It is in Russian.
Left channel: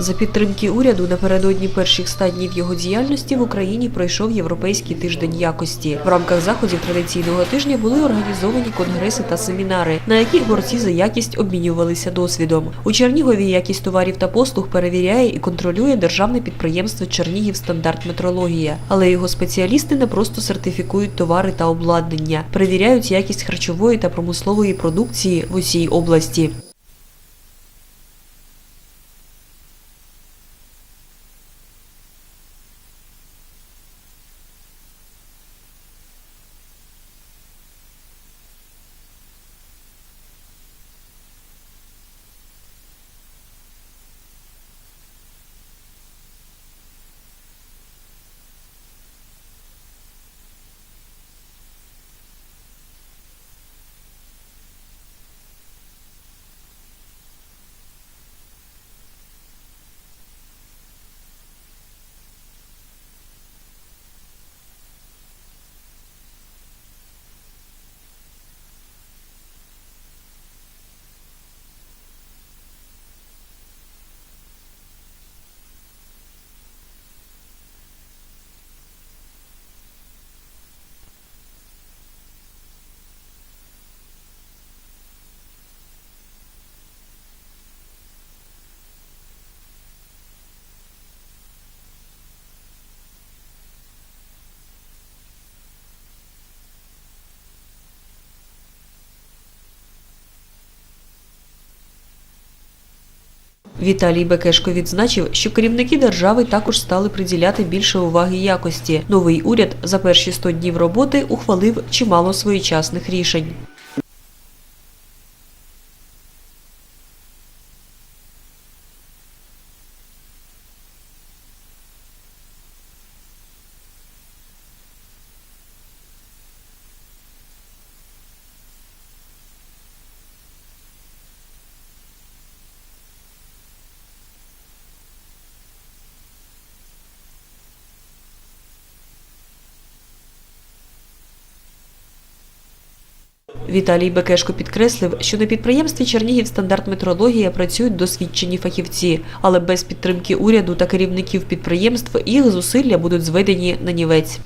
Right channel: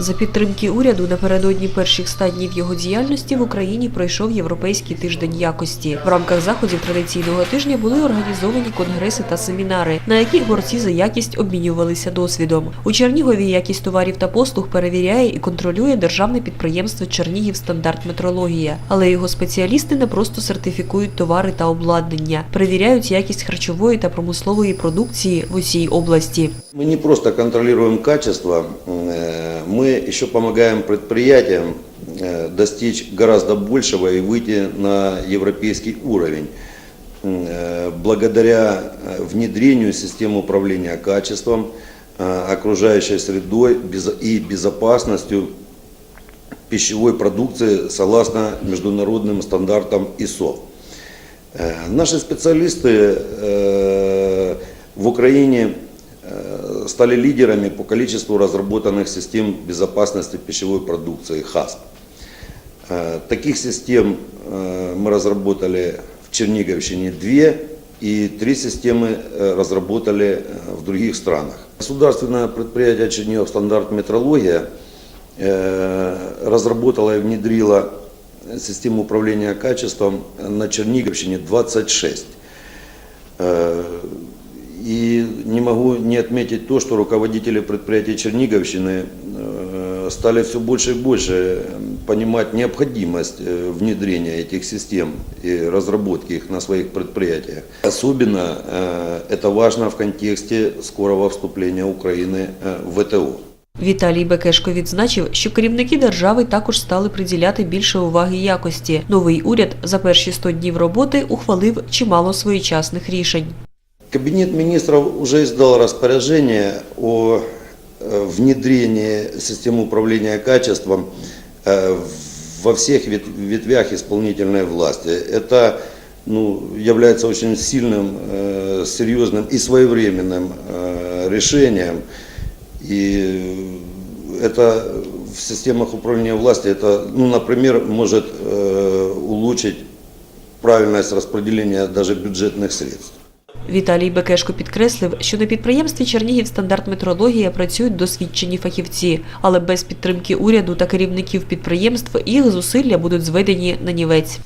За підтримки уряду напередодні перших ста днів його діяльності в Україні пройшов Європейський тиждень якості. В рамках заходів традиційного тижня були організовані конгреси та семінари, на яких борці за якість обмінювалися досвідом. У Чернігові якість товарів та послуг перевіряє і контролює державне підприємство Чернігів стандарт метрологія. Але його спеціалісти не просто сертифікують товари та обладнання, перевіряють якість харчової та промислової продукції в усій області. Мы не просто контролируем качество, э, мы еще помогаем предприятиям э, достичь гораздо большего и выйти на европейский уровень. Э, Благодаря э, внедрению систем управления качеством, окружающей средой и безопасностью пищевой продукции согласно международным стандартам ИСО. Наши специалисты в Украине стали лидерами по количеству разработанных систем безопасности пищевой продукции ХАСП. Э, Таких систем э, мы разработали в Черниговщине две, и три системы э, разработали в других странах. Государственное предприятие Чернигов стандарт метрология разработала и внедрила систему управления качеством на Черниговщине 26. Э, И не могу не отметить то, что руководители предприятий Черниговщины э, стали все больше и больше э, понимать необходимость э, внедрения этих систем и разработки их на своих предприятиях. Особенно э, это важно в контексте скорого вступления Украины э, в ВТО. Віталій Бекешко відзначив, що керівники держави також стали приділяти більше уваги якості. Новий уряд за перші 100 днів роботи ухвалив чимало своєчасних рішень. Кабинет министров уже издал распоряжение о э, внедрении системы управления качеством э, во всех вет- ветвях исполнительной власти. Это ну, является очень сильным, э, серьезным и своевременным решением. И это в системах управления власти, это, ну, например, может улучшить правильность распределения даже бюджетных средств. Віталій Бекешко підкреслив, що на підприємстві Чернігів стандарт метрологія працюють досвідчені фахівці, але без підтримки уряду та керівників підприємств їх зусилля будуть зведені на нівець.